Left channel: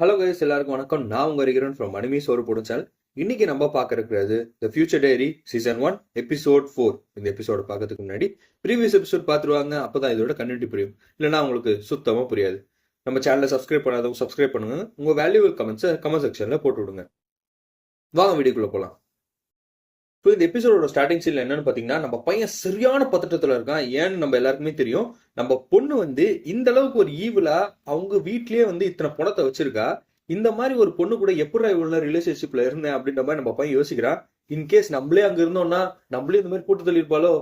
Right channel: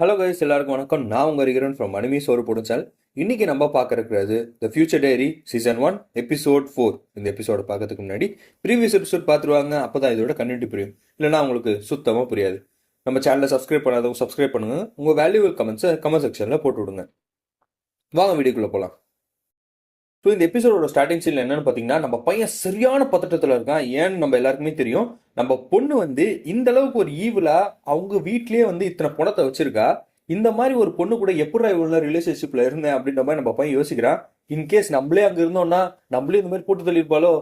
Hello guys, எல்லாருக்கும் வணக்கம். நான் உங்க ரிகரன் ஃப்ரம் மணிமி சோறு பொடிச்சால். இன்னைக்கு நம்ம பார்க்க இருக்கிறது the future diary season 1 episode 4. இந்த எபிசோட பார்க்கறதுக்கு முன்னாடி ப்ரீவியஸ் எபிசோட் பார்த்துருவாங்க, அப்பதான் இதோட கண்டென்ட் புரியும். இல்லைன்னா உங்களுக்கு சுத்தமாக புரியாது. நம்ம சேனலை சப்ஸ்கிரைப் பண்ணாதவங்க சப்ஸ்கிரைப் பண்ணுங்க. உங்க வேல்யூபிள் கமெண்ட்ஸை கமெண்ட் செக்ஷன்ல போட்டு விடுங்க. வாங்க வீடியோக்குள்ள போகலாம். ஸோ இந்த எபிசோடோட ஸ்டார்டிங் சீன்ல என்னன்னு பார்த்தீங்கன்னா, நம்ம பையன் சரியான பதட்டத்தில் இருக்கான். ஏன்னு நம்ம எல்லாருக்குமே தெரியும். நம்ம பொண்ணு இந்த அளவுக்கு ஒரு ஈவிலா அவங்க வீட்லயே இத்தனை பணத்தை வச்சிருக்கா. இந்த மாதிரி ஒரு பொண்ணு கூட எப்படி இவ்வளோ ரிலேஷன்ஷிப்ல இருந்தேன் அப்படின்ற மாதிரி நம்ம பையன் யோசிக்கிறான். இன்கேஸ் நம்மளே அங்க இருந்தோம்னா நம்மளே இந்த மாதிரி போட்டு தள்ளியிருப்பாலோ,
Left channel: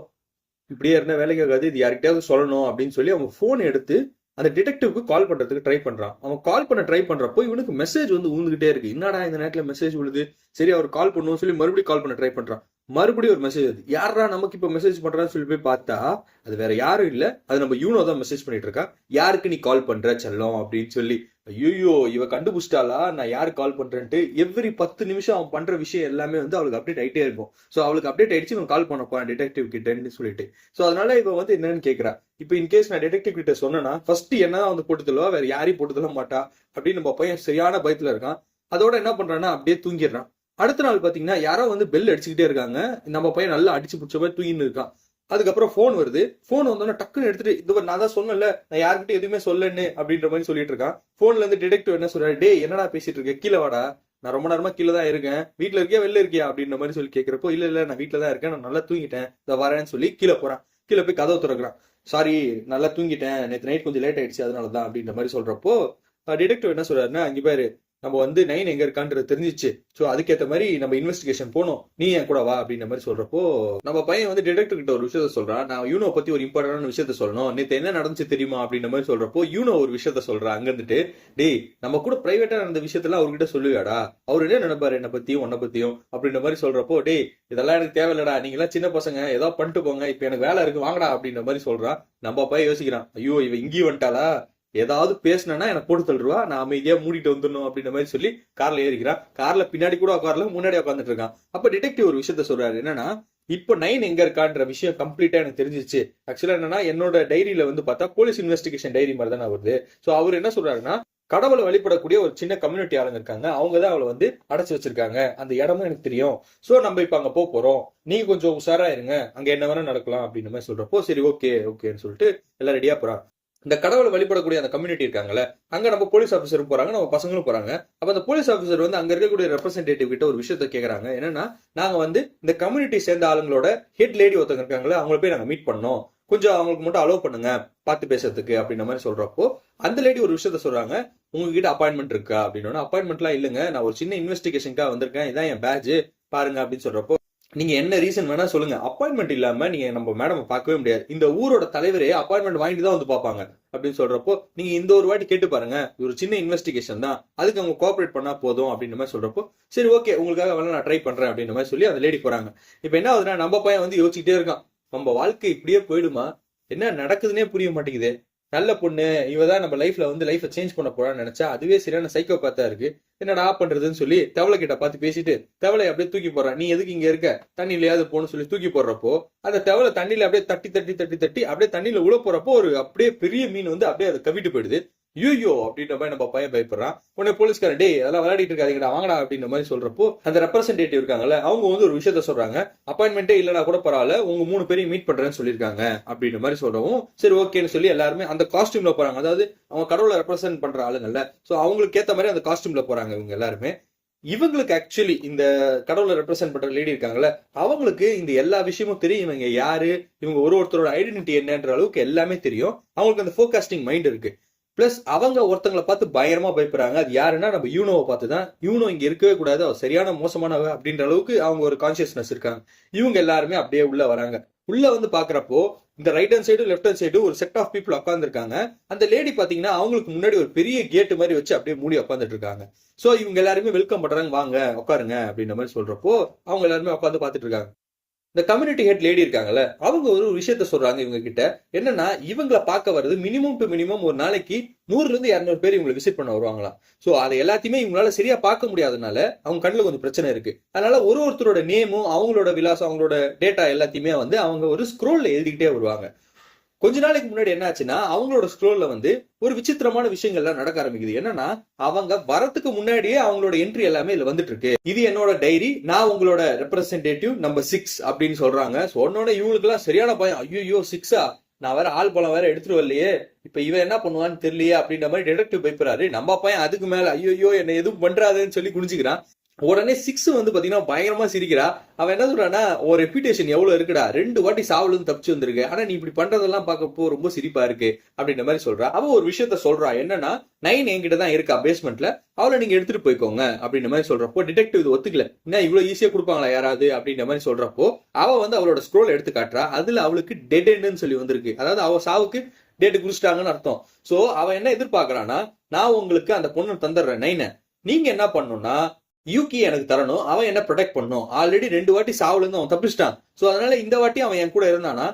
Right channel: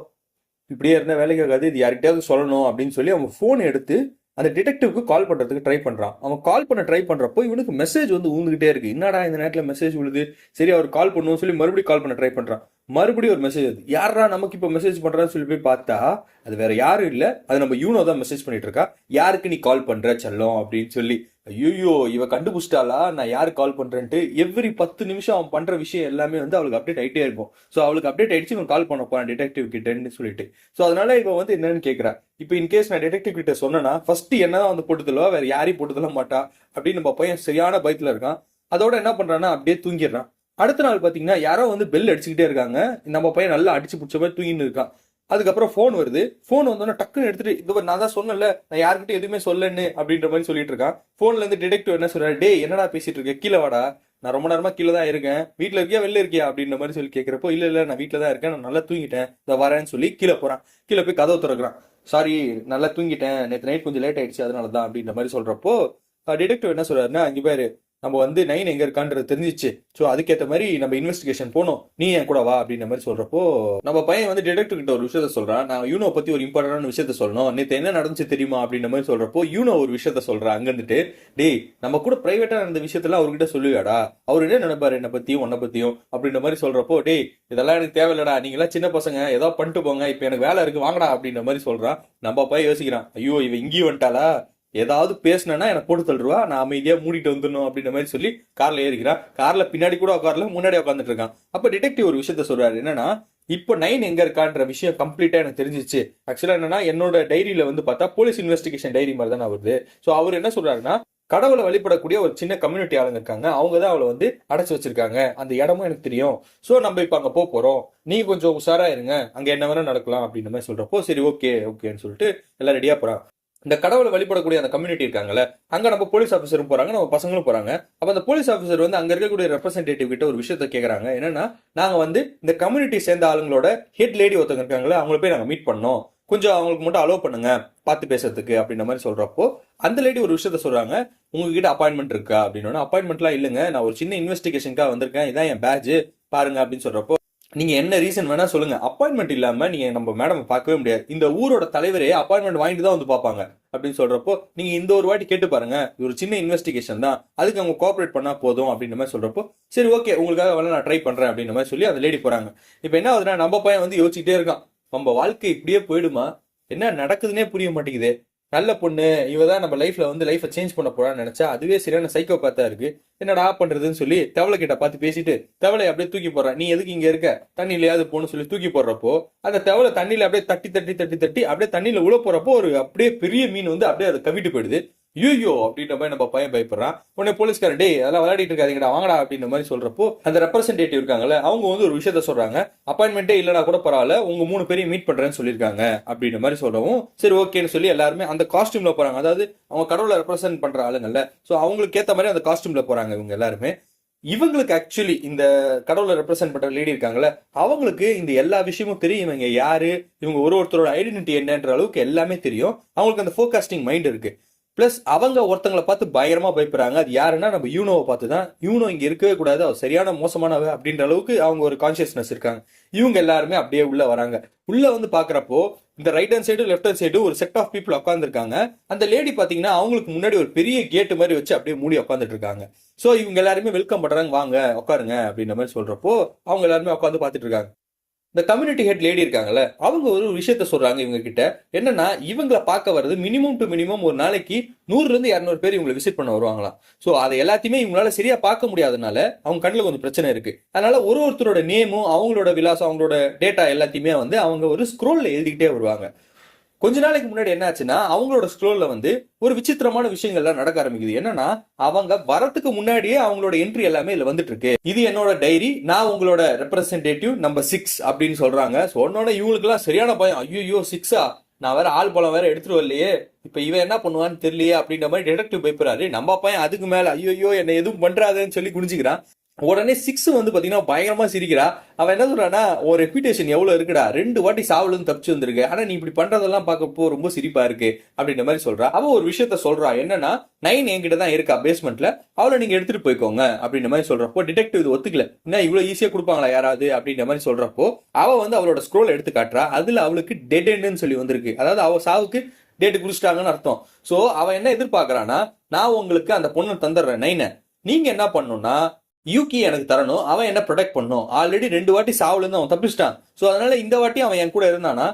இப்படியே இருந்தா வேலைக்கு ஆகாது, இது யார்கிட்டயாவது சொல்லணும் அப்படின்னு சொல்லி அவன் போன் எடுத்து அந்த டிடெக்டிவ்க்கு கால் பண்றதுக்கு ட்ரை பண்றான். அவன் கால் பண்ண ட்ரை பண்றப்போ இவனுக்கு மெசேஜ் ஊந்துகிட்டே இருக்கு. என்னடா இந்த நேரத்துல மெசேஜ் விழுது, சரி அவர் கால் பண்ணுவோம் சொல்லி மறுபடியும் கால் பண்ண ட்ரை பண்றான். மறுபடியும் ஒரு மெசேஜ் வருது. யாரா நமக்கு இப்ப மெசேஜ் பண்றான்னு சொல்லி போய் பார்த்தா அது வேற யாரும் இல்ல, அது நம்ம யூனோ தான் மெசேஜ் பண்ணிட்டு இருக்கா. யாருக்கு நீ கால் பண்ற செல்லம் அப்படின்னு சொல்லி. ஐயோ, இவ கண்டுபிடிச்சிட்டாளா நான் யாரு கால் பண்றேன்ட்டு. எவ்ரி 10 நிமிஷம் அவன் பண்ற விஷயம் எல்லாமே அவளுக்கு அப்டேட் ஆயிட்டே இருக்கும். ஸோ அவளுக்கு அப்டேட் ஆயிடுச்சு, இவன் கால் பண்ண போறான் டிடெக்டிவ் கிட்டன்னு சொல்லிட்டு. ஸோ அதனால இவன் என்னன்னு கேட்கறா. இப்போ இன்கேஸ் நான் டிடெக்டிவ் கிட்ட சொன்னா ஃபர்ஸ்ட் என்னதான் போட்டுதலோ வேற யாரையும் போட்டுதல மாட்டா அப்படின்னு நம்ம பையன் சரியான பயத்துல இருக்கான். அதோட என்ன பண்றான்னா அப்படியே தூங்கிடுறான். அடுத்த நாள் பாத்தீங்கன்னா யாரோ பெல் அடிச்சுக்கிட்டே இருக்காங்க. நம்ம பையன் நல்லா அடிச்சு பிடிச்ச மாதிரி தூங்கின்னு இருக்கான். அதுக்கப்புறம் போன் வருது. போன் வந்தோன்னா டக்குன்னு எடுத்துட்டு, இது நான் தான் சொன்னல நான் யாருக்கிட்ட எதுவுமே சொல்லன்னு அப்படின்ற மாதிரி சொல்லிட்டு இருக்கான். போன்ல இருந்து டிடெக்டிவ் என்ன சொல்றாரு, டே என்னடா பேசிட்டு இருக்க, கீழே வாடா, நான் ரொம்ப நேரமா கீழே தான் இருக்கேன், வீட்டுல இருக்கியா வெளில இருக்கியா அப்படின்ற மாதிரி சொல்லி கேட்கிறப்போ, இல்ல நான் வீட்டுல தான் இருக்கேன், நான் நல்லா தூங்கிட்டேன், இதை வரேன்னு சொல்லி கீழே போறான். கீழே போய் கதவு திறக்கிறான். சாரி, நல்லா தூங்கிட்டேன், நேற்று நைட் கொஞ்சம் லேட் ஆயிடுச்சு அதனாலதான் அப்படின்ற மாதிரி சொல்றப்போ டிடெக்டிவ் என்ன சொல்றாருன்னா, அங்கே பாரு நம்ம 9 எங்க இருக்கான்றது தெரிஞ்சிச்சு. ஸோ அதுக்கேற்ற மாதிரி நம்ம இன்வெஸ்டிகேஷன் போனோம், நீ என் கூட வா அப்படின்ற மாதிரி சொல்றப்போ நம்ம பையன் டிடெக்டிவ் கிட்ட ஒரு விஷயத்த சொல்றான். நான் யூனோ பத்தி ஒரு இம்பார்ட்டன்டான விஷயத்த சொல்லணும், நேற்று என்ன நடந்துச்சு தெரியுமா அப்படின்ற மாதிரி சொல்றப்போ யூனோ ஒரு விஷயத்த சொல்றான். அங்க இருந்துட்டு, டேய் நம்ம கூட பிரைவேட்டா நடந்த விஷயத்தெல்லாம் அவர்கிட்ட சொல்லுவாடா, அவர் என்ன நினைப்பாரு என்னை பத்தியும் உன்னை பத்தியும் அப்படின்ற மாதிரி சொல்றப்போ, டேய் இதெல்லாம் எனக்கு தேவையில்லடா, நீங்களாம் சின்ன பசங்க, ஏதோ பண்ணிட்டு போங்க, இப்ப எனக்கு வேலை இருக்கு வாங்கடா அப்படின்ற மாதிரி சொல்றான். நம்ம பையன் யோசிக்கிறான், ஐயோ இவ இங்கேயும் வந்துட்டாளா, ஏதாவது பேசினா எனக்கு போட்டு தள்ளுவா, நான் அமைதியா மூடிட்டு வந்துடணும் அப்படின்ற மாதிரி சொல்லி கார்ல ஏறிக்கிறான். கார்ல பின்னாடி கூட உட்கார்ல, முன்னாடி உட்காந்துட்டு இருக்கான். அப்ப டிடெக்டிவ் ஒரு விஷயத்த சொல்றாரு. என்னன்னா, இப்போ 9 எங்க இருக்கான்ற விஷயம் கம்ப்ளீட்டா எனக்கு தெரிஞ்சிச்சு. ஆக்சுவலா என்னன்னா, என்னோட டைரியில பார்த்தா போலீஸ் இன்வெஸ்டிகேஷன் டைரி மாதிரி தானே வருது. சோ அவர் என்ன சொல்றாருன்னா, கடவுளை வழிபடக்கூடிய ஒரு சின்ன கம்யூனிட்டி ஆளுங்க இருக்காங்க, அவங்க தான் அவளை அடைச்சு வச்சிருக்காங்க, அந்த இடமும் எனக்கு தெரியும். சோ நம்ம இப்ப அங்க போறோம், நீங்க கொஞ்சம் உஷாரா இருங்க, அங்க என்ன வேணா நடக்கலாம் அப்படின்ற மாதிரி சொல்றப்போ, சரி ஓகேன்னு சொல்லிட்டு எல்லாம் ரெடியா போறான். இந்த கடவுளை வழிபடக்கூடிய அந்த கம்யூனிட்டி இருக்காங்கல்ல, அங்க நம்ம போலீஸ் ஆஃபீஸரும் போறாங்க, நம்ம பசங்களும் போறாங்க. அப்ப அந்த போலீஸ் ஆஃபீஸர் அங்க இருக்கக்கூடிய ரெப்ரஸன்டேட்டிவ் கிட்ட ஒரு விஷயத்த கேக்குறாங்க. என்னன்னா, நாங்க இந்த கம்யூனிட்டி சேர்ந்த ஆளுங்களோட ஹெட் லேடி ஒருத்தங்க இருக்காங்களா, அவங்கள போய் நாங்க மீட் பண்ணோம், கொஞ்சம் அவங்களுக்கு மட்டும் அலோவ் பண்ணுங்க பார்த்து பேசுறதுக்கு அப்படின்ற மாதிரி சொல்றப்போ அந்த லேடி ஒரு விஷயத்த சொல்றாங்க, உங்ககிட்ட அப்பாயின்மெண்ட் இருக்கா அப்படின்னு. அப்பாயின்மெண்ட்லாம் இல்லைங்க, நான் ஒரு சின்ன இன்வெஸ்டிகேஷனுக்காக வந்திருக்கேன், இதான் என் பேட்ச் பாருங்க அப்படின்னு சொல்றப்போ, நீங்க என்ன ரீசன் வேணா சொல்லுங்க, அப்பாயின்மெண்ட் இல்லாம நீங்க நம்ம மேடம் பார்க்கவே முடியாது, இந்த ஊரோட தலைவரே அப்பாயின்மெண்ட் வாங்கிட்டு தான் பார்ப்பாங்க அப்படின்னு சொல்றப்போ, நீங்க இந்த ஒரு வாட்டி கேட்டு பாருங்க, ஒரு சின்ன இன்வெஸ்டிகேஷன் தான், அதுக்கு அவங்க கோஆபரேட் பண்ணா போதும் அப்படின்ற மாதிரி சொல்றப்போ, சரி ஓகே உங்களுக்காக வேணா நான் ட்ரை பண்றேன் அப்படின்ற மாதிரி சொல்லி அந்த லேடி போறாங்க. இப்ப என்ன ஆகுதுன்னா, நம்ம பையன் யோசிச்சுட்டே இருக்கான், நம்ம வாழ்க்கை இப்படியே போயிடுமா, என்ன நடக்குதுன்னே புரிய மாட்டேங்குது, நல்ல பொண்ணு இவதான் நம்ம லைஃப்ல லைஃபை சேஞ்ச் பண்ண போறான்னு நினைச்சா அதுவே சரியான சைக்கோ பார்த்தா இருக்கு, என்னடா பண்றதுன்னு சொல்லி தவளை கிட்ட பார்த்து பேசிட்டு தவளை அப்படியே தூக்கி போடுறான். நீ எதுக்கு இங்க இருக்க, தண்ணியிலையாவது போன்னு சொல்லி தூக்கி போடுறப்போ அந்த தவளை தண்ணியில அப்படியே தட்டி தட்டி தட்டி தட்டி அப்படியே தண்ணியில உள்ள போறப்போ ஒரு அப்படியே பெரிய மீன் அப்படியே அதை கவிட்டு போயிடுது. ஐயோ அப்படின்ற மாதிரி நம்ம பையன் பயப்படுறான். உடனே போலீஸ்காரன், டே அதெல்லாம் விளையாடிட்டு இருக்காதீங்கடா வாங்கடா அப்படின்ற மாதிரி சொல்றப்போ அந்த ரெப்ரஸன்டேட்டிவ் இருக்காங்கல்ல, அவங்க ஒரு விஷயத்த சொல்றாங்க, அப்பாயின்மெண்ட்டே இல்லனா கூட பரவாயில்ல, உங்க 3 பேரையும் மீட் பண்றேன்னு சொல்லியிருக்காங்க அப்படின்ற மாதிரி சொல்றவும், சரி ஓகேன்னு சொல்லி எல்லாருமே அந்த காஸ்டியூம்ல போறாங்க. அதாவது அவங்க கடவுளை ரெப்ரசென்ட் பண்ற ஆளுங்கல்ல, சோ அவங்களுக்கு ஏத்த மாதிரி அந்த காஸ்டியூம்ல போறாங்க இவங்க எல்லாருமே. இவங்களுக்கு ஆக்சுவலி இந்த கடவுளை ரெப்ரசென்ட் பண்ற லேடி இருக்காங்கல்ல, அவங்களுக்கு இந்த எல்லா விஷயமும் தெரியும், இவங்க யாரு, இவங்க ஒருத்தரோட ஐடென்டிட்டி என்னன்ற அளவுக்கு எல்லாமே தெரியும். அவங்களுக்கு அந்த ஃபோர்காஸ்டிங் மைண்ட் இருக்கு. பிளஸ் அவங்க ஒருத்தங்களை பார்த்து பயங்கரமா பயப்படுறாங்க. அது யாருன்னா நம்ம யூனோவை பார்த்து தான். யூனோ இங்க இருக்கவே கூடாது, அவர் சரியான மோசமானவ அப்படின்ற அளவுக்கு அவங்க ஒரு கான்சியஸ்னஸ் இருக்காங்க. இவங்க எல்லாருமே அப்படியே உள்ள வராங்க. உள்ள பாக்குறப்போ இந்த right hand side left hand side ஒரு செட் ஆஃப் பீப்புள் உட்காந்துருக்காங்க. அந்த லேடி பாத்தீங்கன்னா அவங்களுக்கு முன்னாடி ஒரு பெரிய கேட்டு மாதிரி வச்சு அப்படியே மூடி உட்காந்துட்டு இருக்காங்க. சோ இவங்க எல்லாருமே வெல்கம் பண்றாங்க, வாங்க உட்காருங்க அப்படின்ற மாதிரி சொல்றப்போ அவங்க எல்லாருமே உட்காந்து பாத்துட்டு இருக்காங்க. இந்த கம்யூனிட்டி ஹெட் லேடி இருக்காங்கல்ல, அவங்க ஒரு விஷயத்த சொல்றாங்க இவங்க கிட்ட. என்னன்னா, இவங்களை பார்க்க வர்றது மினிமம் டு மினிமம் ஒரு நாளைக்கு 100-200 பேர் இவங்களை விசிட் பண்ண வருவாங்களாம். சோ அதை எல்லாத்தையுமே இவங்களால சரியா பார்க்க முடியாதனால அவங்க கண்ணுல கொஞ்சம் பிரச்சனை இருக்கு. அதனால ஒருத்தரோட நேமும் அவங்களோட விலாசம் அவங்களோட டேட்டா எல்லாத்தையுமே அவங்க ஒரு ஸ்க்ரோல்ல எழுதிக்கிட்டே வருவாங்க. கொஞ்ச நாளைக்கு முன்னாடி என்ன ஆச்சுன்னா அவங்களோட ஸ்க்ரோல்ல வந்து ஒரு விசித்திரமான விஷயங்கள்லாம் நடக்க ஆரம்பிக்குது. என்னன்னா அவங்க வரத்துக்கு முன்னாடியே அவங்களோட என்ட்ரி எல்லாமே இதுல வந்துட்டு இருக்கு. இது என்னோட டைரி, நான் உங்களோட ரெப்ரசன்டேட்டிவ் நம்பர் 6 அப்படின்னு சொல்றாங்க. சொன்னோட இவங்களுக்கு எல்லாம் சரியான பயம். ஐயோ 6ஆ, நான் வேற ஆள் பழம் வேற எடுத்துட்டு வரலையே, இப்ப இவன் என்ன பண்ணுவான்னு தெரியலையே அப்படின்ற மாதிரி டிடெக்டிவ் பயப்படுறாரு. நம்ம பையன் அதுக்கு மேல ஐயோ என்ன எதுவும் பண்றாதுன்னு சொல்லி குடிச்சுக்கிறான். உடனே 6 வந்து பாத்தீங்கன்னா பயங்கரமா சிரிக்கிறா. அவன் என்ன சொல்றான்னா, ஒரு ரெப்யூட்டேஷன் எவ்வளவு இருக்குடா, 2 வாட்டி சாவுல தப்பிச்சு வந்திருக்கு, ஆனா நீ இப்படி பண்றதெல்லாம் பார்க்கப்போ ரொம்ப சிரிப்பா இருக்கு அப்படின்ற மாதிரி சொல்றா. அவ ஒரு விஷயத்த சொல்றா, என்னன்னா 9 என்கிட்ட தான் இருக்கா பேஸ்மெண்ட்ல, அவளை நீங்க எடுத்துட்டு போய்க்கோங்க அப்படின்ற மாதிரி சொல்றப்போ டிடெக்டிவ் இது ஒத்துக்கல. என்ன இவ்வளவு ஈஸியா கொடுப்பாங்களா யாராவது அப்படின்ற மாதிரி சொல்றப்போ அவ வந்து அவளோட ஸ்க்ரோல் எடுத்து காட்டுறா. அதுல அவளுக்கு டெட் எண்ட்னு சொல்லி வந்திருக்கு. அதாவது அவ சாவுக்கு டேட் குறிச்சிட்டாங்கன்னு அர்த்தம். சோ அவ என்ன எதிர்பார்க்கறானா, நான் உங்களுக்கு அந்த பொண்ணை தந்துடுறேன் 9, நீங்க என்ன பண்ணணும்னா யூகி எனக்கு தரணும், அவன் என்ன ப்ரொடெக்ட் பண்ணும். ஆல்ரெடி 2 வாட்டி சாவுல இருந்து அவன் தப்பிச்சிட்டான். சோ அதனால இந்த வாட்டி அவன் என் கூட இருந்தானா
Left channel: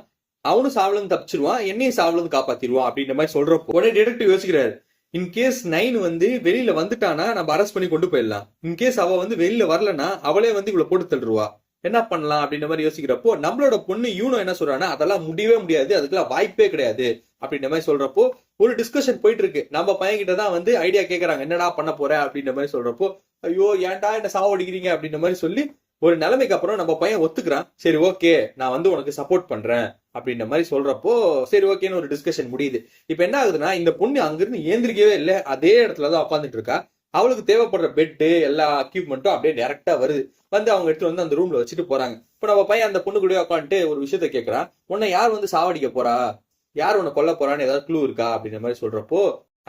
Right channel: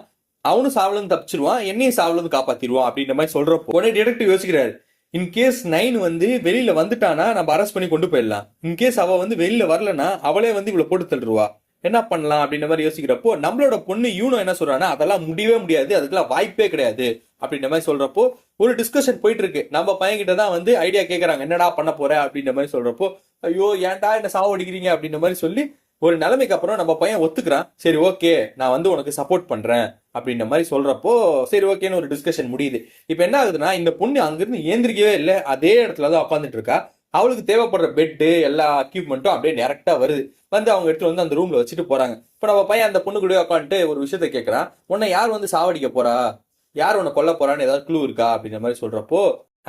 அவனும் சாவுல இருந்து தப்பிச்சிருவான், என்னையும் சாவுல இருந்து காப்பாத்திடுவான் அப்படின்ற மாதிரி சொல்றப்போ உடனே டிடெக்டிவ் யோசிக்கிறாரு. இன்கேஸ் 9 வந்து வெளியில வந்துட்டானா நம்ம அரெஸ்ட் பண்ணி கொண்டு போயிடலாம். இன்கேஸ் அவ வந்து வெளியில வரலன்னா அவளே வந்து இவ்வளவு போட்டு தள்ளுவா, என்ன பண்ணலாம் அப்படின்ற மாதிரி யோசிக்கிறப்போ நம்மளோட பொண்ணு யூனோ என்ன சொல்றானா, அதெல்லாம் முடியவே முடியாது, அதுக்கெல்லாம் வாய்ப்பே கிடையாது அப்படின்ற மாதிரி சொல்றப்போ ஒரு டிஸ்கஷன் போயிட்டு இருக்கு. நம்ம பையன் கிட்ட தான் வந்து ஐடியா கேட்கறாங்க, என்னடா பண்ண போற அப்படின்ற மாதிரி சொல்றப்போ ஐயோ ஏன்டா என்ன சாவடிக்கிறீங்க அப்படின்ற மாதிரி சொல்லி ஒரு நிலைமைக்கு அப்புறம் நம்ம பையன் ஒத்துக்கிறான். சரி ஓகே நான் வந்து உனக்கு சப்போர்ட் பண்றேன் அப்படின்ற மாதிரி சொல்றப்போ சரி ஓகேன்னு ஒரு டிஸ்கஷன் முடியுது. இப்ப என்ன ஆகுதுன்னா, இந்த பொண்ணு அங்கிருந்து ஏந்திரிக்கவே இல்லை, அதே இடத்துலதான் உட்காந்துட்டு இருக்கா. அவளுக்கு தேவைப்படுற பெட்டு எல்லா எக்யூப்மெண்ட்டும் அப்படியே டைரக்டா வருது. வந்து அவங்க எடுத்து வந்து அந்த ரூம்ல வச்சுட்டு போறாங்க. இப்ப நம்ம பையன் அந்த பொண்ணு கூட உட்காந்துட்டு ஒரு விஷயத்த கேட்கறான், உன்னை யார் வந்து சாவடிக்க போறா, யார் உன்னை கொல்ல போறான்னு ஏதாவது க்ளூ இருக்கா அப்படின்ற மாதிரி சொல்றப்போ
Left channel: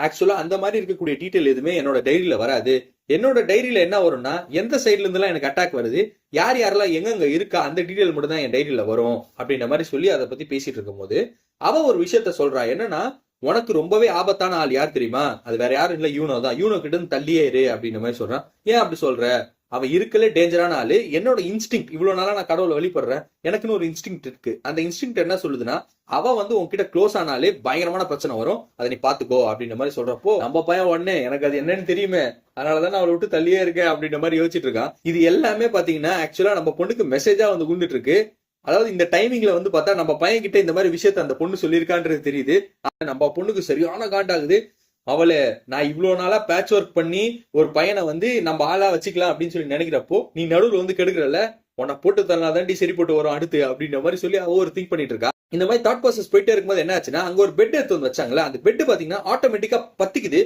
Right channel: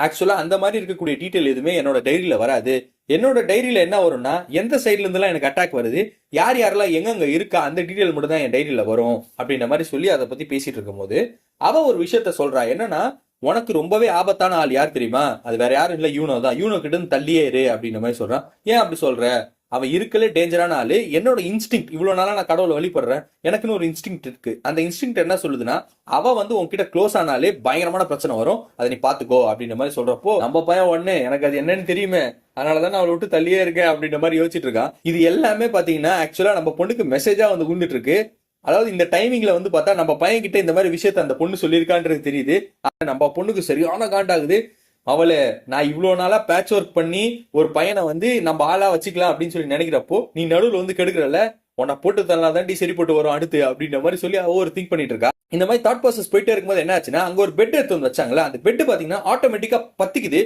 ஆக்சுவலா அந்த மாதிரி இருக்கக்கூடிய டீட்டெயில் எதுவுமே என்னோட டைரியில வராது. என்னோட டைரியில என்ன வரும்னா, எந்த சைட்ல இருந்து எல்லாம் எனக்கு அட்டாக் வருது, யார் யாரெல்லாம் எங்கெங்க இருக்கா அந்த டீட்டெயில் மட்டும் தான் என் டைரியில வரும் அப்படின்ற மாதிரி சொல்லி அதை பத்தி பேசிட்டு இருக்கும் போது அவ ஒரு விஷயத்த சொல்றா. என்னன்னா, உனக்கு ரொம்பவே ஆபத்தான ஆள் யார் தெரியுமா, அது வேற யாரும் இல்ல யூனோ தான், யூனோ கிட்ட இருந்து தள்ளியே இரு அப்படின்ற மாதிரி சொல்றான். ஏன் அப்படி சொல்ற, அவ இருக்கல டேஞ்சரான ஆளு. என்னோட இன்ஸ்டிங், இவ்வளவு நாளா நான் கடவுளை வழிபடுறேன், எனக்குன்னு ஒரு இன்ஸ்டிங் இருக்கு. அந்த இன்ஸ்டிங் என்ன சொல்லுதுன்னா, அவ வந்து உன்கிட்ட க்ளோஸ் ஆனாலே பயங்கரமான பிரச்சனை வரும், அதை நீ பாத்துக்கோ அப்படின்ற மாதிரி சொல்றப்போ நம்ம பையன் உடனே எனக்கு அது என்னன்னு தெரியுமே, அதனாலதான் நான் அவளை விட்டு தள்ளியே இருக்கேன் அப்படின்ற மாதிரி யோசிச்சுட்டு இருக்கான். இது எல்லாமே பாத்தீங்கன்னா ஆக்சுவலா நம்ம பொண்ணுக்கு மெசேஜா வந்து குந்துட்டு இருக்கு. அதாவது இந்த டைமிங்ல வந்து பார்த்தா நம்ம பையன் கிட்ட இந்த மாதிரி விஷயத்த அந்த பொண்ணு சொல்லியிருக்கான்றது தெரியுது. நம்ம பொண்ணுக்கு சரியான காண்டாகுது. அவளை நான் இவ்வளவு நாளா பேட்ச் ஒர்க் பண்ணி ஒரு பையனை வந்து நம்ம ஆளா வச்சுக்கலாம் அப்படின்னு சொல்லி நினைக்கிறப்போ நீ நடுவில் வந்து கெடுக்கிறல்ல, உன்னை போட்டு தரலாம் தாண்டி சரி போட்டு வரும் அடுத்து அப்படின்ற மாதிரி சொல்லி அவ ஒரு திங்க் பண்ணிட்டு இருக்கா. இந்த மாதிரி தாட் ப்ராசஸ் போயிட்டே இருக்கும்போது என்ன ஆச்சுன்னா, அங்க ஒரு பெட் எடுத்து வந்து வச்சாங்களா, அந்த பெட் பாத்தீங்கன்னா ஆட்டோமேட்டிக்கா பத்திக்கிட்டு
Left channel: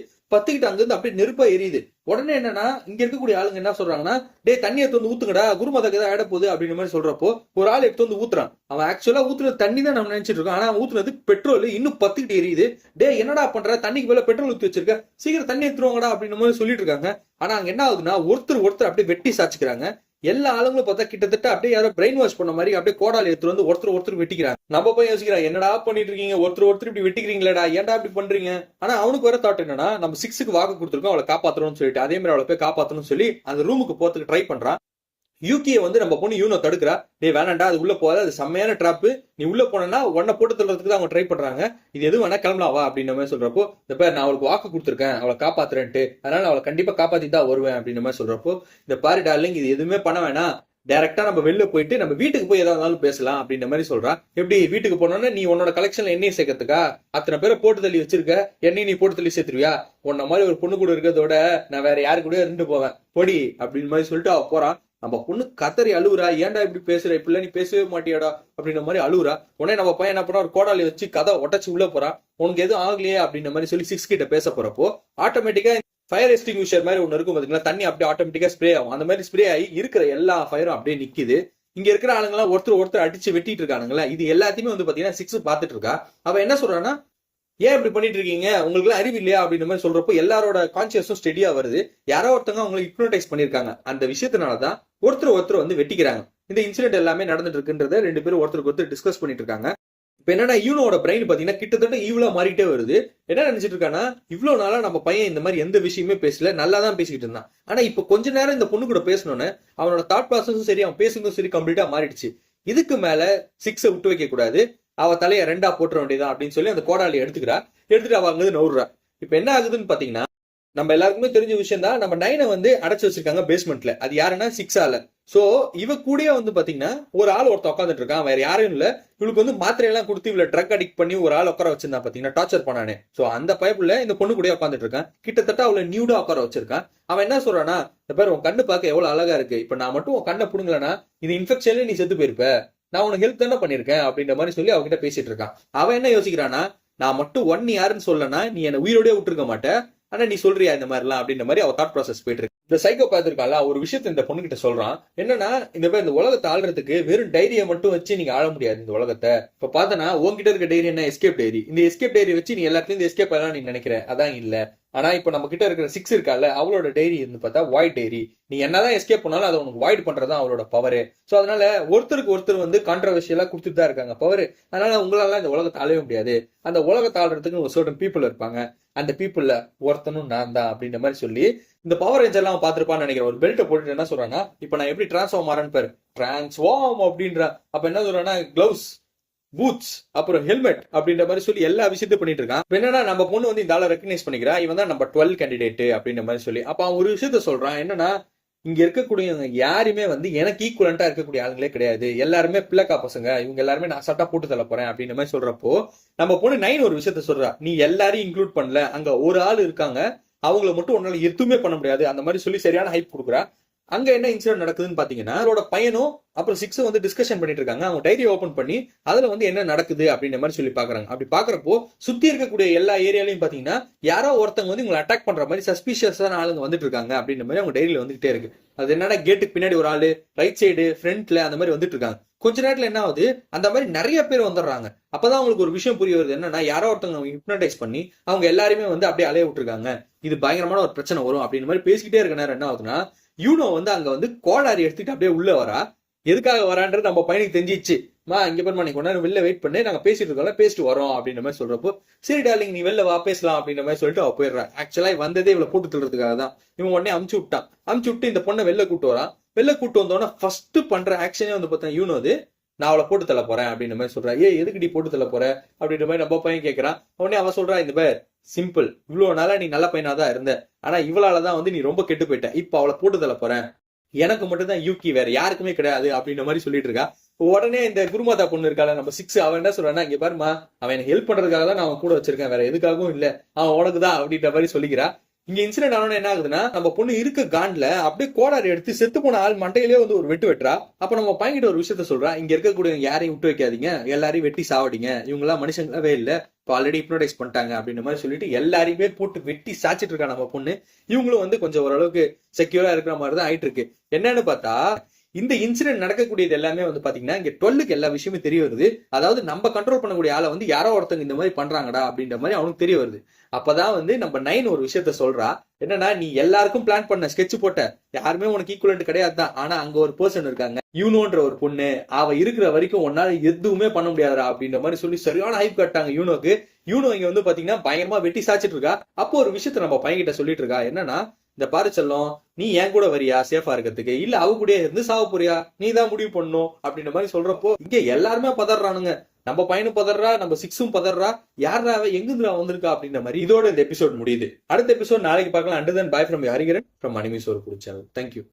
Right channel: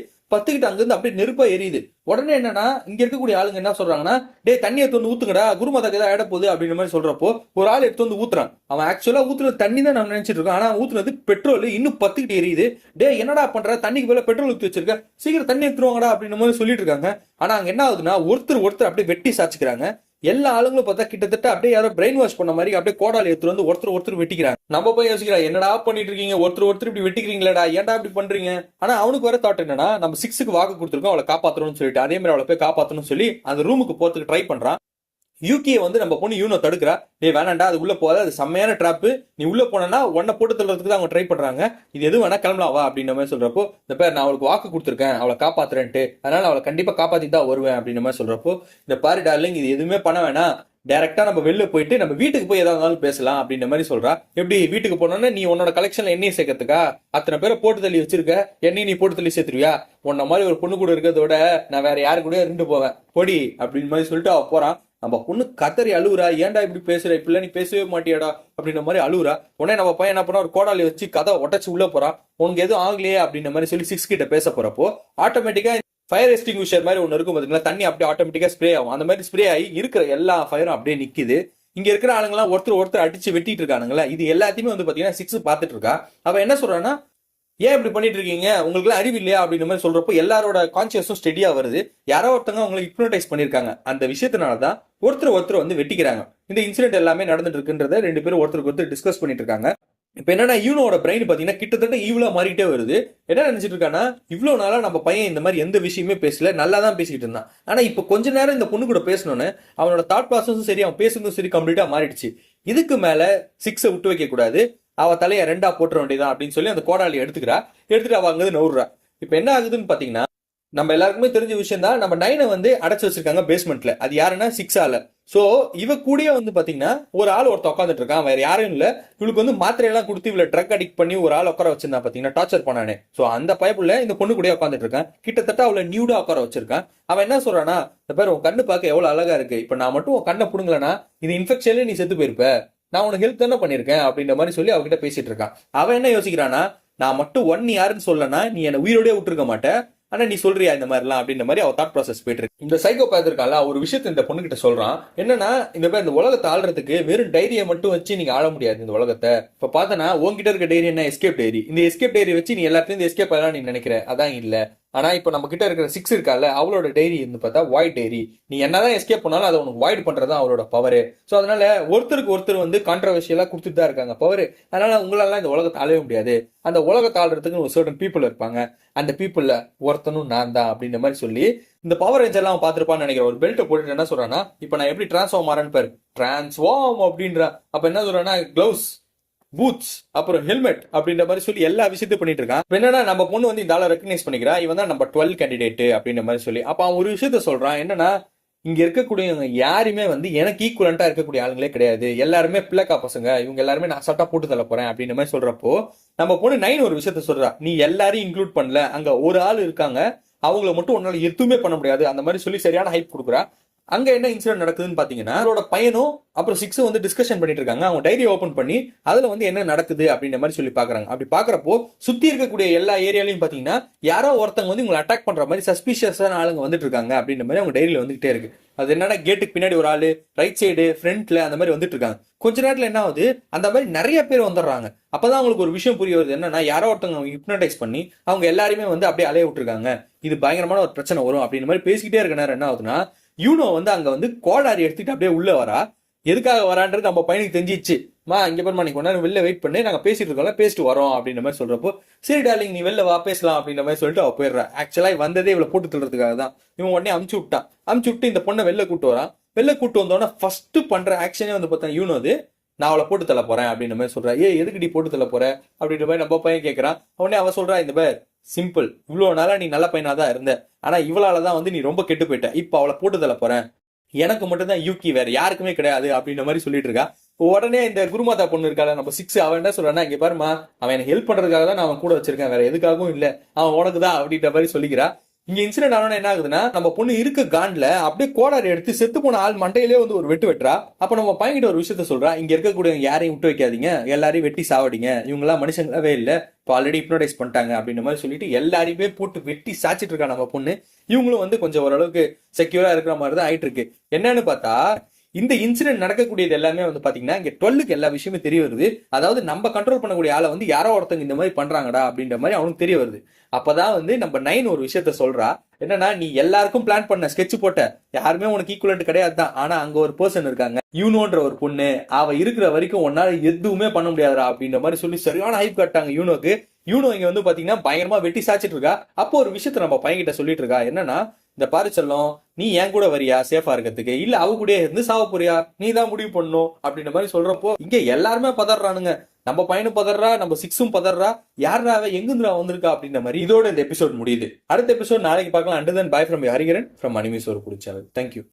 அங்கிருந்து அப்படியே நெருப்பா எரியுது. உடனே என்னன்னா இங்க இருக்கக்கூடிய ஆளுங்க என்ன சொல்றாங்கன்னா, டே தண்ணி எடுத்து வந்து ஊத்துங்கடா, குருமாதாக்கு ஏதாவது ஆயிட போகுது அப்படின்ற மாதிரி சொல்றப்போ ஒரு ஆள் எடுத்து வந்து ஊத்துறான். அவன் ஆக்சுவலா ஊத்துறது தண்ணி தான் நம்ம நினைச்சிட்டு இருக்கோம், ஆனா ஊத்துறது பெட்ரோல் இன்னும் பத்திக்கிட்டு எரியுது. டே என்னடா பண்ற, தண்ணிக்கு பதிலா பெட்ரோல் ஊத்தி வச்சிருக்க, சீக்கிரம் தண்ணி எடுத்துருவாங்கடா அப்படின்ற மாதிரி சொல்லிட்டு இருக்காங்க. ஆனா அங்க என்ன ஆகுதுன்னா, ஒருத்தர் அப்படியே வெட்டி சாச்சுக்கிறாங்க. எல்லா ஆளுங்களும் பார்த்தா கிட்டத்தட்ட அப்படியே யாரோ பிரெயின் வாஷ் பண்ண மாதிரி அப்படியே கோடால எடுத்து வந்து ஒருத்தர் வெட்டிக்கிறாங்க. நம்ம போய் யோசிக்கிறா, என்னடா பண்ணிட்டு இருக்கீங்க, ஒருத்தர் இப்படி வெட்டிக்கிறீங்களா, ஏன்டா இப்படி பண்றீங்க. ஆனா அவனுக்கு வர தாட் என்னன்னா, நம்ம 6க்கு வாக்கு கொடுத்துருக்கோம் அவளை காப்பாத்தணும்னு சொல்லிட்டு அதே மாதிரி அவளை போய் காப்பாத்தணும்னு சொல்லி அந்த ரூமுக்கு போறதுக்கு ட்ரை பண்றான். யூகியை வந்து நம்ம பொண்ணு யூனோ தடுக்கிறா. நீ வேணாண்டா, அது உள்ள போகாத, அது செம்மையான ட்ராப்பு, நீ உள்ள போனா உன்னை போட்டு தள்ளுறதுக்கு தான் அவங்க ட்ரை பண்றாங்க, இது எதுவும் வேணா கிளம்பலாம் வா அப்படின்ற மாதிரி சொல்றப்போ, இந்த பேர் நான் அவளுக்கு வாக்கு கொடுத்துருக்கேன் அவளை காப்பாத்துறேன்ட்டு, அதனால அவளை கண்டிப்பா காப்பாத்தி தான் வருவேன் அப்படின்ற மாதிரி சொல்றப்போ, இந்த பாரு டார்லிங் இது எதுவுமே பண்ண வேணாம், டைரக்டா நம்ம வெளில போயிட்டு நம்ம வீட்டுக்கு போய் ஏதாவது இருந்தாலும் பேசலாம் அப்படின்ற மாதிரி சொல்றா. எப்படி வீட்டுக்கு போனோன்னா, நீ உன்னோட கலெக்ஷன்ல எண்ணெய் சேர்க்கறதுக்கா அத்தனை பேரை போட்டு தள்ளி வச்சிருக்க, எண்ணெய் நீ போட்டு தள்ளி சேர்த்துருவியா, உன்ன மாதிரி ஒரு பொண்ணு கூட இருக்கிறதோட நான் வேற யாரு கூட இருந்து போவேன் பொடி அப்படின்னு மாதிரி சொல்லிட்டு அவ போறான். நம்ம பொண்ணு கத்தரி அழுவுறா, ஏன்டா இப்படி பேசுற, இப்ப நீ பேசவே மாட்டியாடா அப்படின்ற மாதிரி அழுவுறா. உடனே நம்ம பையன் என்ன பண்ணா, ஒரு கோடாலி வச்சு கதை உடச்சு உள்ள போறா. உனக்கு எதுவும் ஆகலையே அப்படின்ற மாதிரி சொல்லி 6 கிட்ட பேச போறப்போ ஆட்டோமேட்டிக்கா ஃபயர் எக்ஸ்டிங்விஷர் மாதிரி ஒன்று இருக்கும் பாத்தீங்களா, தண்ணி அப்படியே ஆட்டோமேட்டிக்கா ஸ்ப்ரே ஆகும். அந்த மாதிரி ஸ்ப்ரே ஆகி இருக்கிற எல்லா ஃபயரும் அப்படியே நிக்குது. இங்க இருக்கிற ஆளுங்கெல்லாம் ஒருத்தர் அடிச்சு வெட்டிட்டு இருக்கானுங்களா, இது எல்லாத்தையுமே வந்து பாத்தீங்கன்னா 6 பாத்துட்டு இருக்கா. அவ என்ன சொல்றான்னா, ஏன் இப்படி பண்ணிட்டு இருக்கீங்க, உங்களுக்கு எல்லாம் அறிவு இல்லையா அப்படின்ற மாதிரி சொல்றப்போ எல்லாரோட கான்சியஸும் ஸ்டெடியா வருது. யாரோ ஒருத்தவங்க அவங்களை ஹிப்னோடைஸ் பண்ணிருக்காங்க. அந்த விஷயத்தினாலதான் ஒருத்தர் வந்து வெட்டிக்கிறாங்க. இந்த இன்சிடென்ட் எல்லாமே நடந்துட்டு இருக்குன்றத 2 பேரும் ஒருத்தருக்கு டிஸ்கஸ் பண்ணிட்டு இருக்காங்க. இப்ப என்னன்னா, யூனோட பிரெயின் பாத்தீங்கன்னா கிட்டத்தட்ட ஈவலா மாறிட்டே வருது. என்ன நினைச்சிட்டு இருக்கானா, இவ்வளவு நாளா நம்ம பையன் இந்த மாதிரி எந்த விஷயமே பேசல, நல்லா தான் பேசிக்கிட்டு இருந்தான். ஆனா இப்ப கொஞ்ச நேரம் இந்த பொண்ணு கூட பேசணும்னு அவனோட தாட் ப்ராசஸும் சரி, அவன் பேசுறதும் சரி கம்ப்ளீட்டா மாறிடுச்சு. இதுக்கு மேல 6 விட்டு வைக்க கூடாது, அவ தலையை 2ஆ போட்டுற வேண்டியதான் அப்படின்னு சொல்லி அந்த கோடாலி எடுத்துட்டு அவ அங்கிருந்து நவுறா. இப்ப என்ன ஆகுதுன்னு பாத்தீங்கன்னா, நம்ம எல்லாருக்குமே தெரிஞ்ச விஷயம் தான், நம்ம 9 வந்து அடைச்சு வச்சிருக்காங்க பேஸ்மெண்ட்ல. அது யாருன்னா 6ஆல. சோ இவ கூடயே வந்து பாத்தீங்கன்னா ஒரு ஆள் ஒருத்த உட்காந்துட்டு இருக்கான், வேற யாரும் இல்ல. இவளுக்கு வந்து மாத்திரை எல்லாம் கொடுத்து இவளை ட்ரக் அடிக்ட் பண்ணி ஒரு ஆள் உட்கார வச்சிருந்தா பாத்தீங்கன்னா, டார்ச்சர் பண்ணானே. சோ அந்த பயப்புல இந்த பொண்ணு கூட உட்காந்துட்டு இருக்கான், கிட்டத்தட்ட அவளை நியூடா உட்கார வச்சிருக்கான். அவன் என்ன சொல்றானா, இந்த பேர் உன் கண்ணு பார்க்க எவ்வளவு அழகா இருக்கு, இப்ப நான் மட்டும் உன் கண்ணை புடுங்கலனா இது இன்ஃபெக்ஷன்ல நீ செத்து போயிருப்ப, நான் உனக்கு ஹெல்ப் தானே பண்ணிருக்கேன் அப்படின்ற மாதிரி சொல்லி அவகிட்ட பேசிட்டு இருக்கான். அவன் என்ன யோசிக்கிறானா, நான் மட்டும் ஒன் யாருன்னு சொல்லனா நீ என்ன உயிரோடய விட்டுருக்க மாட்டேன், ஆனா நீ சொல்றியா இந்த மாதிரிலாம் அப்படின்ற மாதிரி அவ தாட் ப்ராசஸ் போயிட்டு இருக்கு. இந்த சைக்கோபாத் இருக்கால ஒரு விஷயத்த இந்த பொண்ணு கிட்ட சொல்றான். என்னன்னா, இந்த உலகத்தை ஆள்றதுக்கு வெறும் டைரியை மட்டும் வச்சு நீங்க ஆள முடியாது இந்த உலகத்தை. இப்ப பாத்தனா உங்ககிட்ட இருக்க டைரி என்ன, எஸ்கேப் டைரி. இந்த எஸ்கேப் டைரி வச்சு நீ எல்லாத்தையும் எஸ்கேப் ஆகலாம் நீ நினைக்கிற, அதான் இல்ல. ஆனா இப்ப நம்ம கிட்ட இருக்கிற 6 இருக்கால, அவளோட டைரி இருந்து பார்த்தா வாய்ட் டைரி. நீ என்னதான் எஸ்கேப் பண்ணாலும் அதை உனக்கு வாய்ட் பண்றதா அவளோட பவர். சோ அதனால ஒருத்தருக்கு ஒருத்தர் வந்து கான்ட்ரவர்ஷியலா கொடுத்துட்டு தான் இருக்காங்க பவர். அதனால உங்களால இந்த உலகத்தை ஆளவே முடியாது. அந்த உலகத்தை ஆள்றதுக்கு ஒரு சர்டன் பீப்புள் இருப்பாங்க, அந்த பீப்புள்ல ஒருத்தனும் நான் தான் அப்படின்ற மாதிரி சொல்லி இந்த பவர் ரேஞ்சர் எல்லாம் பாத்துருப்பான்னு நினைக்கிறேன். ஒரு பெல்ட்டை போட்டுட்டு என்ன சொல்றான்னா, இப்ப நான் எப்படி டிரான்ஸ்ஃபார்ம் ஆறேன்னு பாரு, டிரான்ஸ்ஃபார்ம் அப்படின்றா. அப்ப என்ன சொல்றான்னா, கிளவுஸ், பூட்ஸ், அப்புறம் ஹெல்மெட் அப்படின்ற மாதிரி சொல்லி எல்லா விஷயத்தையும் பண்ணிட்டு இருக்கான். என்னன்னா, நம்ம பொண்ணு வந்து இந்த ஆளை ரெக்கக்னைஸ் பண்ணிக்கிறா, இவன் தான் நம்பர் 12 கேண்டிடேட் அப்படின்ற மாதிரி சொல்லி. அப்ப அவன் ஒரு விஷயத்த சொல்றான், என்னன்னா, இங்க இருக்கக்கூடியவங்க யாருமே வந்து எனக்கு ஈக்குவலண்டா இருக்கக்கூடிய ஆளுங்களே கிடையாது, எல்லாருமே பிள்ளைக்கா பசங்க, இவங்க எல்லாருமே நான் சட்டா போட்டு தள்ள போறேன் அப்படின்ற மாதிரி சொல்றப்போ, நம்ம பொண்ணு 9 ஒரு விஷயத்த சொல்றா, நீ எல்லாரையும் இன்க்ளூட் பண்ணல, அங்க ஒரு ஆள் இருக்காங்க, அவங்கள மட்டும் உன்னால எதுவுமே பண்ண முடியாது அந்த மாதிரி சொல்லி சரியான ஹைப் கொடுக்குறா. அங்க என்ன இன்சிடென்ட் நடக்குதுன்னு பாத்தீங்கன்னா, அவரோட பையனும் அப்புறம் 6 வந்து டிஸ்கஷன் பண்ணிட்டு இருக்காங்க. அவங்க டைரி ஓபன் பண்ணி அதுல வந்து என்ன நடக்குது அப்படின்ற மாதிரி சொல்லி பாக்குறாங்க. அப்படி பாக்குறப்போ சுத்தி இருக்கக்கூடிய எல்லா ஏரியாலையும் பாத்தீங்கன்னா யாரோ ஒருத்தவங்க வந்து உங்களை அட்டாக் பண்ற மாதிரி சஸ்பிஷியஸான ஆளுங்க வந்துட்டு இருக்காங்க அப்படின்ற மாதிரி அவங்க டைரியில வந்துகிட்டே இருக்கு. அது என்னன்னா, கேட்டுக்கு பின்னாடி ஒரு ஆளு, ரைட் சைடு, ஃப்ரண்ட்ல அந்த மாதிரி வந்துட்டு இருக்காங்க. கொஞ்ச நேரத்துல என்ன ஆகுது, அந்த மாதிரி நிறைய பேர் வந்துடுறாங்க. அப்பதான் அவங்களுக்கு ஒரு விஷயம் புரிய வருது, என்னன்னா யாரோ ஒருத்தவங்க ஹிப்னடைஸ் பண்ணி அவங்க எல்லாருமே வந்து அப்படியே அலைய விட்டுருக்காங்க, இது பயங்கரமான ஒரு பிரச்சனை வரும் அப்படின்ற மாதிரி பேசிக்கிட்டே இருக்க நேரம் என்ன ஆகுதுன்னா, யூனோ வந்து அங்க வந்து கோடாரி எடுத்துட்டு அப்படியே உள்ள வரா. எதுக்காக வரான்றது நம்ம பையனுக்கு தெரிஞ்சிச்சு. மா இங்க பாருமா, நீ கொஞ்ச நேரம் வெளில வெயிட் பண்ணி, நாங்க பேசிட்டு இருக்கோம், பேசிட்டு வரோம் அப்படின்ற மாதிரி சொல்றப்போ, சரி டார்லிங் நீ வெளில வா பேசலாம் அப்படின்ற மாதிரி சொல்லிட்டு அவ போயிடுறா. ஆக்சுவலா வந்ததே இவளை போட்டு தள்ளுறதுக்காக தான். இவன் உடனே அமுச்சு விட்டான். அமுச்சு விட்டு இந்த பொண்ணை வெளில கூட்டு வரான். வெளில கூட்டு வந்தோன்னா ஃபர்ஸ்ட் பண்ற ஆக்ஷனே வந்து பார்த்தா யூனோ அது, நான் அவளை போட்டு தள்ள போறேன் அப்படின்ற மாதிரி சொல்றா. எதுக்கு நீ போட்டு தள்ள போற அப்படின்ற மாதிரி நம்ம பையன் கேட்கறான். உடனே அவன் சொல்றா, இந்த பேர் சிம்பிள், இவ்வளவு நாளா நீ நல்ல பையனா தான் இருந்த, ஆனா இவளாலதான் வந்து நீ ரொம்ப கெட்டு போயிட்ட, இப்ப அவளை போட்டு தள்ள போறேன், எனக்கு மட்டும் தான் யூகி, வேற யாருக்குமே கிடையாது அப்படின்ற மாதிரி சொல்லிட்டு இருக்கா. உடனே இந்த குருமாதா பொண்ணு இருக்கால நம்ம 6, அவன் என்ன சொல்றான்னா, இங்க பாருமா, அவன் எனக்கு ஹெல்ப் பண்றதுக்காக தான் நான் அவன் கூட வச்சிருக்கேன், வேற எதுக்காகவும் இல்ல, அவன் உனக்கு தான் அப்படின்ற மாதிரி சொல்லிக்கிறா. இங்க இன்சிடென்ட் ஆனோன்னு என்ன ஆகுதுன்னா, நம்ம பொண்ணு இருக்க காண்ட்ல அப்படியே கோடாரி எடுத்து செத்து போன ஆள் மண்டையிலே வந்து ஒரு வெட்டு வெட்டுறா. அப்ப நம்ம பையன்கிட்ட ஒரு விஷயத்த சொல்றா, இங்க இருக்கக்கூடிய யாரையும் விட்டு வைக்காதீங்க, எல்லாரையும் வெட்டி சாவடிங்க, இவங்க எல்லாம் மனுஷங்களாவே இல்ல, இப்போ ஆல்ரெடி ஹிப்னோடைஸ் பண்ணிட்டாங்க அப்படின்ற மாதிரி சொல்லிட்டு எல்லாரையுமே போட்டு வெட்டி சாச்சிட்டு இருக்கா நம்ம பொண்ணு. இவங்களும் வந்து கொஞ்சம் ஓரளவுக்கு செக்யூரா இருக்கிற மாதிரி தான் ஆயிட்டு இருக்கு. என்னன்னு பார்த்தா, இந்த இன்சிடென்ட் நடக்கக்கூடியது எல்லாமே வந்து பாத்தீங்கன்னா இங்க 12க்கு எல்லா விஷயமே தெரிய வருது. அதாவது நம்ம கண்ட்ரோல் பண்ணக்கூடிய ஆளை வந்து யாரோ ஒருத்தங்க இந்த மாதிரி பண்றாங்கடா அப்படின்ற மாதிரி அவனுக்கு தெரிய வருது. அப்பதான் வந்து நம்ம 9 ஒரு விஷயத்த சொல்றா, என்னன்னா, நீ எல்லாருக்கும் பிளான் பண்ண ஸ்கெட்ச் போட்ட, யாருமே உனக்கு ஈக்குவலண்ட் கிடையாது தான், ஆனா அங்க ஒரு பர்சன் இருக்காங்க, யூனோன்ற ஒரு பொண்ணு, அவ இருக்கிற வரைக்கும் உன்னால எதுவுமே பண்ண முடியாதுடா அப்படின்ற மாதிரி சொல்லி சரியான ஹைப் கட்டாங்க யூனோக்கு. யூனோ இங்க வந்து பாத்தீங்கன்னா பயங்கரமா வெட்டி சாச்சிட்டு இருக்கா. அப்போ ஒரு விஷயத்த நம்ம பையன்கிட்ட சொல்லிட்டு இருக்கா, என்னன்னா, இந்த பாரு செல்லம், நீ என் கூட வரியா சேஃபா இருக்கிறதுக்கு, இல்ல அவ கூட இருந்து சாவ போறியா, நீ தான் முடிவு பண்ணும் அப்படின்ற மாதிரி சொல்றப்போ இங்க எல்லாருமே பதறானுங்க. நம்ம பையனும் பதறா, நம்ம 6ம் பதறா, யாரா எங்கிருந்துடா வந்திருக்கா அப்படின்ற மாதிரி. இதோட இந்த எபிசோட் முடியுது. அடுத்த எபிசோட் நாளைக்கு பார்க்கலாம். And then by from Hariharan from anime சோறு சேனல். தேங்க்யூ.